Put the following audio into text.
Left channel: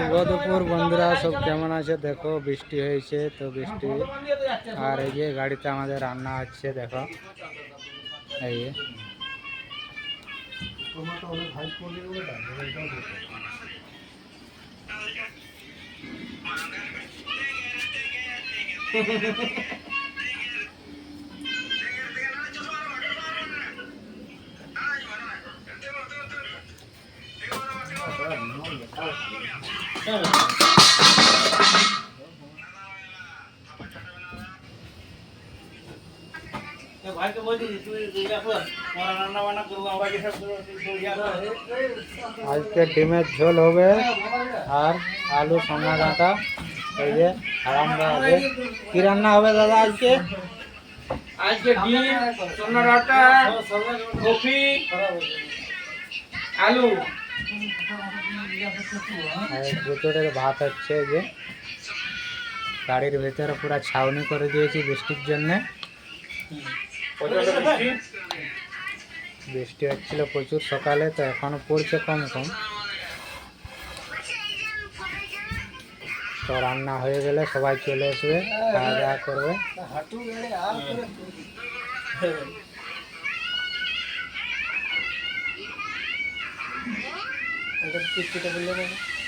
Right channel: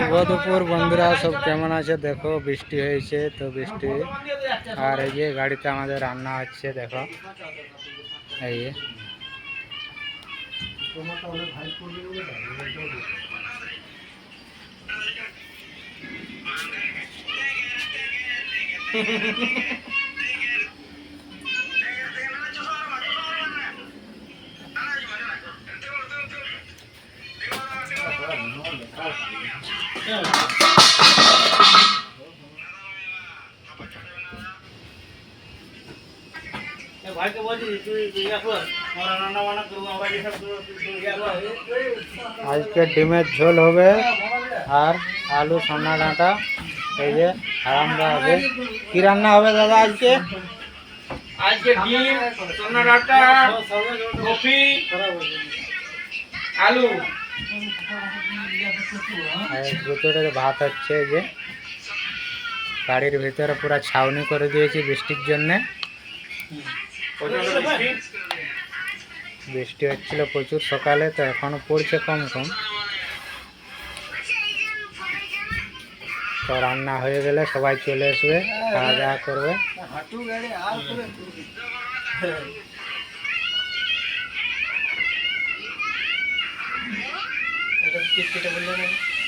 শুভ দুপুর বন্ধুরা, সব কেমন আছে? দেখো বৃষ্টি হয়েছে তো বৃষ্টি, আর এই যে গাড়িতে আমাদের রান্না হচ্ছে দেখো। এই যে আজকে ডিমের ঝোল হবে আর আলু সোনা ডাঁটা। এই যে আর আমরা হবে কি রান্না হবে দাদা আজকে? আজকে ডিম, সোনা ডাঁটা, কফি, আলু। আর দুটোর ভাত হচ্ছে। এই যে গাড়ির ভিতরে পুরো ছাউনি করে দিয়েছি বৃষ্টির জন্যে। বৃষ্টি হচ্ছিল প্রচুর সকালে, তো এখনো পড়ছে কম কম। তো রান্না হয়ে গেলে সবাই চলে আসবে, খাওয়া দাওয়া করবে।